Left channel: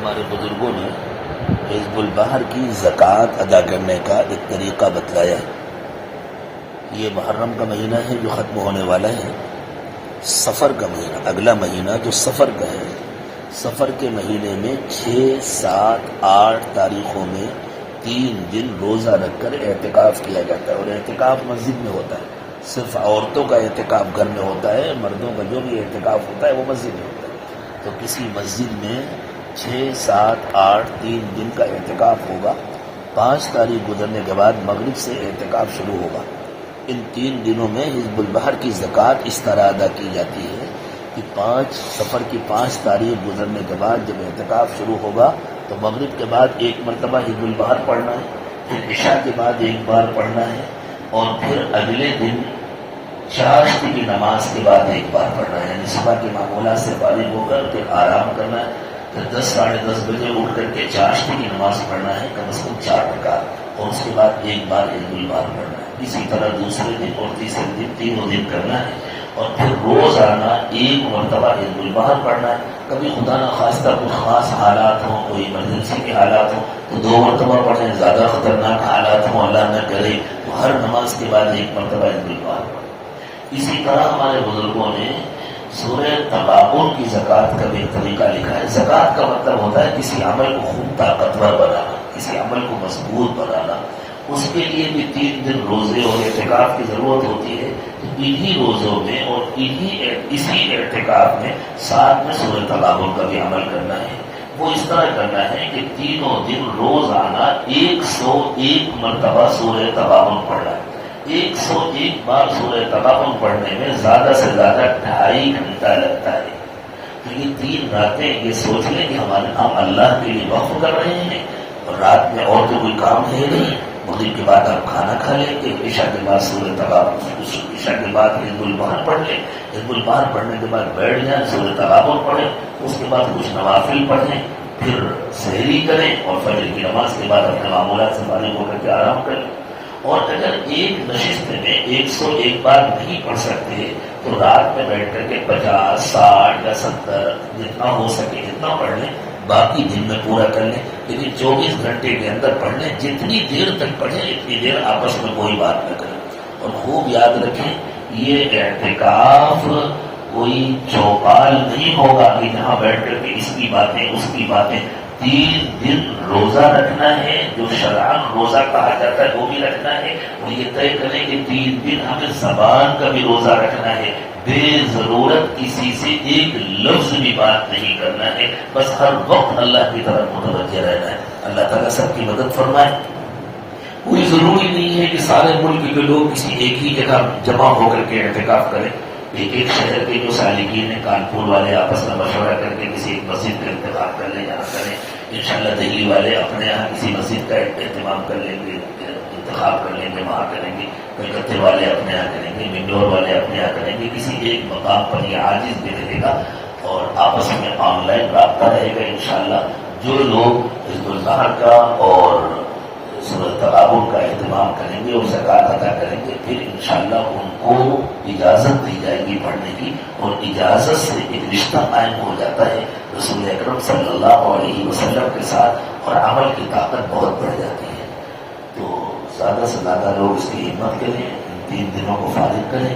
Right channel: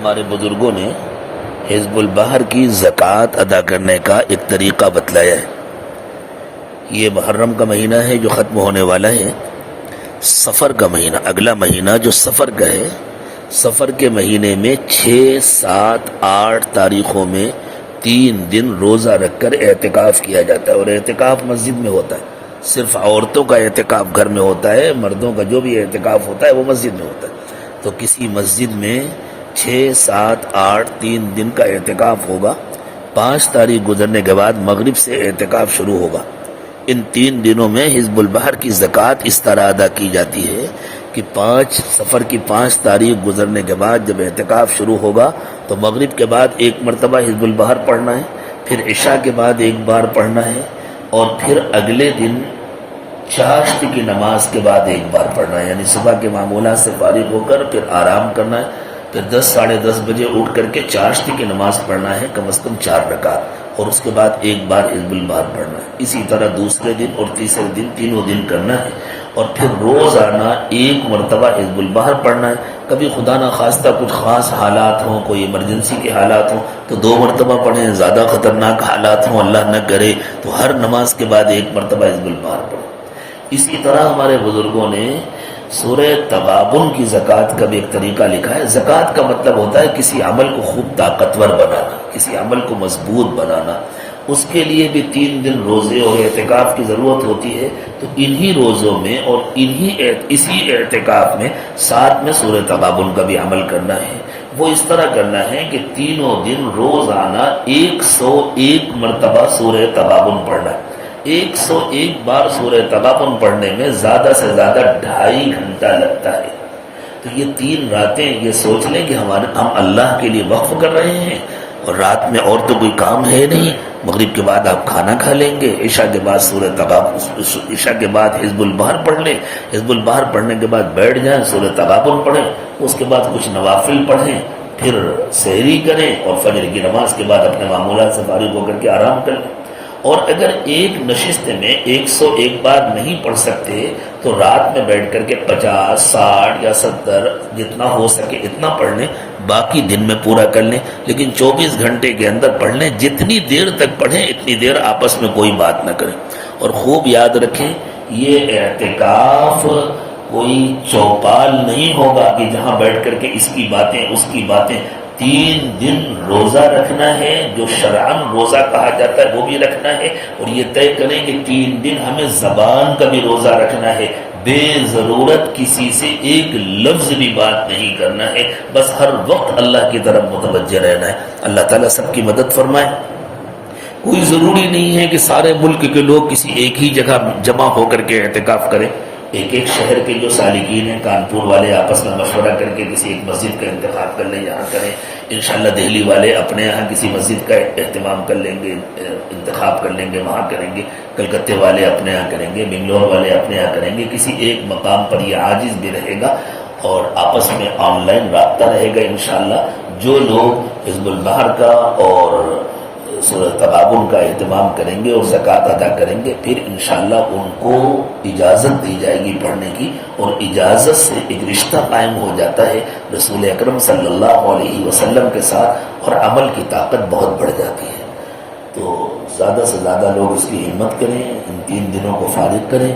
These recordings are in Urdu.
ہمارے بزرگوں نے حزب البحر کی زکوٰۃ ادا کرنے کا ایک طریقہ بتلایا ہے۔ یہ محرم کا مہینہ ہے جو ختم ہونے والا ہے، سفر کا مہینہ، اگلا مہینہ جو سفر کا ہے، سفر کے مہینے میں 6، 7، 8 تاریخوں میں 3 دن روزہ رکھ کر اعتکاف کیا جاتا ہے، اور اعتکاف مسجد میں ہوتا ہے۔ صرف عورتوں کا اعتکاف گھر میں ہوتا ہے، مردوں کا جو بھی اعتکاف ہوتا ہے وہ مسجد میں ہوتا ہے۔ تو کسی مسجد میں 6، 7، 8 3 دن کا اعتکاف ہوگا۔ 5 تاریخ گزرنے کے بعد مغرب سے اعتکاف شروع ہوگا۔ ان 3 دنوں میں حزب البحر کی زکوٰۃ اس طرح ادا کی جاتی ہے کہ سفر کی 5 تاریخ گزرنے کے بعد جب اعتکاف شروع ہوگا تو مغرب کے بعد ایک مرتبہ حزب البحر پڑھنا ہے، پھر عشاء کے بعد ایک بار پڑھنا ہے، اور پھر اگلے دن چاشت کی نماز کے بعد ایک بار پڑھنا ہے، یعنی صبح کے معمولات سے فارغ ہو کر پھر آرام کرنا ہے، پھر 10، 10:30 بجے اٹھ کر کے چاشت کی نماز پڑھنا ہے، کم از کم 4 رکعت، اور اس کے بعد ایک بار حزب البحر پڑھنا ہے۔ اسی طرح دوسرے دن اور تیسرے دن، تینوں دن کرنا ہے، اور پھر روزانہ ایک مرتبہ حزب البحر پڑھنا ہے۔ کبھی خدا نہ خواستہ کچھ خاص حالات ہوں، کوئی ایمرجنسی کے حالات ہوں تو 2 مرتبہ پڑھیں، زیادہ خطرناک حالات ہوں اللہ نہ کرے تو ہر نماز کے بعد ایک مرتبہ حزب البحر پڑھیں۔ اسی طرح ہمارے بزرگوں نے سورہ تغابن کی زکوٰۃ کا بھی ایک طریقہ لکھا ہے۔ زکوٰۃ کا مطلب ہوتا ہے کسی عمل کو خوب طاقتور بنانا، کسی عمل کو مضبوط بنانا۔ اس کے لیے بھی 3 دن روزے اور اعتکاف کی ضرورت ہوتی ہے، تو انہی روزوں میں اور اسی اعتکاف میں ساتھ میں سورہ تغابن کا بھی عمل کرنا ہے۔ وہ اس طرح کرنا ہے کہ تینوں دن روزانہ 101 مرتبہ سورہ تغابن پڑھنا ہے۔ 101 بار سورہ تغابن پڑھنے میں زیادہ سے زیادہ 2.5 گھنٹہ لگتا ہے۔ تو یہ 3 راتیں یہ سوچ لیں کہ ہم اللہ کے لیے وقف کر رہے ہیں، اور رات میں اور تو کوئی کام ہے نہیں۔ مغرب کے بعد آپ کھانا کھا لیں گے، عشاء کے بعد سورہ تغابن، عشاء کے بعد حزب البحر پڑھ لیں، حزب البحر پڑھنے کے بعد بیٹھ جائیں، سورہ تغابن پڑھیں، اس کے بعد کچھ نوافل پڑھیں، پھر سحری کریں، اور فجر کی نماز کے بعد اپنے معمولات سے فارغ ہو کر کے آرام کریں۔ اور اگر ایک نشست میں 101 بار نہیں پڑھ سکتے تو رات میں بیٹھ کر کے 50، 60 یا 70 جتنا ہو سکے اتنا پڑھ لیں، باقی دن میں پورا کر لیں، لیکن 24 گھنٹے کے اندر پڑھ لیں۔ جتنی دیر تک پڑھیں اتنی دیر آپس میں کوئی بات نہ کریں۔ اور خوب یاد رکھیں، یہ اعتکاف کوئی چوپال نہیں ہوگا کہ جہاں بیٹھ کر کے اس کی باتیں اس کی باتیں۔ 3 دن روزہ رکھنا ہے، جو شرعاً روزہ کہا جاتا ہے وہ بھی رکھنا ہے، اور یہ طے کریں کہ 3 دن ہمیں زبان کا بھی روزہ رکھنا ہے، بے ضرورت کسی سے ایک لفظ بھی بات نہیں کرنا ہے، بس ہر وقت اللہ کی طرف متوجہ رہنا ہے۔ اللہ تعالیٰ سب کی مدد فرمائے۔ کوئی ضروری نہیں ہے کہ سارے ملک کے لوگ کسی ایک ہی جگہ جمع ہو کر کے اعتکاف کریں۔ ایک شہر کے جو سالکین ہیں، کانپور والے آپس میں مشورہ کر کے کسی ایک مسجد کا انتخاب کر لیں جہاں کریں۔ انشاءاللہ دہلی والے اپنے یہاں کسی مسجد کا اہتمام کر لیں گے، انتخاب کر لیں گے، وہاں کریں گے۔ کلکتے والے اپنے یہاں کریں گے، بنگلور والے اپنے یہاں کریں گے۔ کسی ایک مقام پر یہ عاجز بھی رہے گا، اور آپس میں آن لائن رابطہ رہے گا انشاءاللہ۔ جو لوگ حزب البحر کا اور سورہ تغابن کا اہتمام کریں گے اور زکوٰۃ ادا کریں گے، پھر انشاءاللہ ان کو اجازت دی جائے گی پڑھنے کی، اور اجازت سے ایک رشتہ قائم ہو جاتا ہے رسول اکرم صلی اللہ علیہ وسلم کے ساتھ، اور عمل کی طاقت بہت بڑھ جاتی ہے۔ تو زیادہ سے زیادہ لوگ اس کی ہمت کریں، ان 3 دنوں کو فارغ کریں۔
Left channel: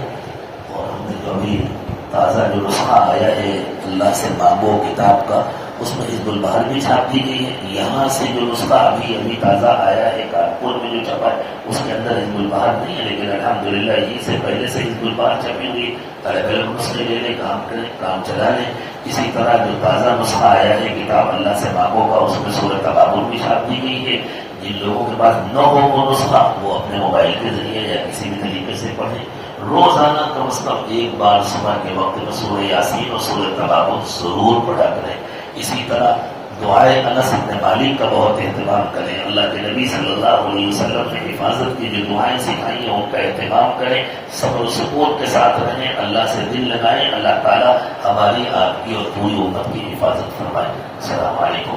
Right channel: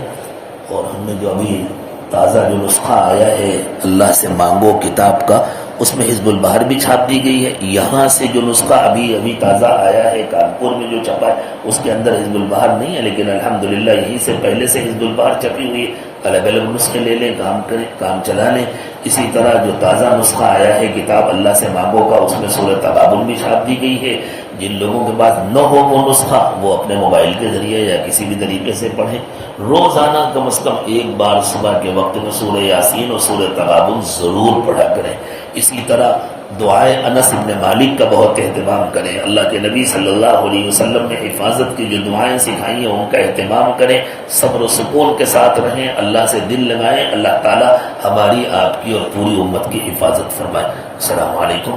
اور ہم نے جو ابھی تازہ جو نسخہ آیا ہے اللہ سے مانگو کتاب کا، اس میں حزب البحر بھی چھاپ دی گئی ہے۔ یہاں سے جو نسخہ ابھی تازہ آیا ہے کانپور میں جو چھپا ہے، اس کے اندر حزب البحر نہیں ہے، لیکن الحمدللہ یہیں سے پہلے سے حزب البحر چھپی ہوئی ہے۔ الگ الگ نسخے لے لیں، کام کریں، کام چلا لیں۔ اسی طرح جو تازہ نسخہ آیا ہے کتاب اللہ سے مانگو کا، اس میں سورہ تغابن بھی چھاپ دی گئی ہے۔ جن لوگوں کے پاس نہ ہو وہ نسخہ، وہ اپنے موبائل کے ذریعے یا کسی بھی طریقے سے پڑھیں۔ روزانہ کم از کم ایک بار صبح کے وقت میں سورہ یاسین اور سورہ تغابن ضرور پڑھا کریں۔ اسی طرح دعائے انس بن مالک کا بہت اہتمام کریں۔ اللہ کے نبی صلی اللہ علیہ وسلم نے حفاظت کی جو دعائیں سکھائی ہیں ان کا اہتمام کریں، صبر و سکون کے ساتھ رہیں، اللہ سے دل لگائیں۔ اللہ تعالی ہماری، آپ کی اور پوری امت کی حفاظت فرمائے۔ السلام علیکم۔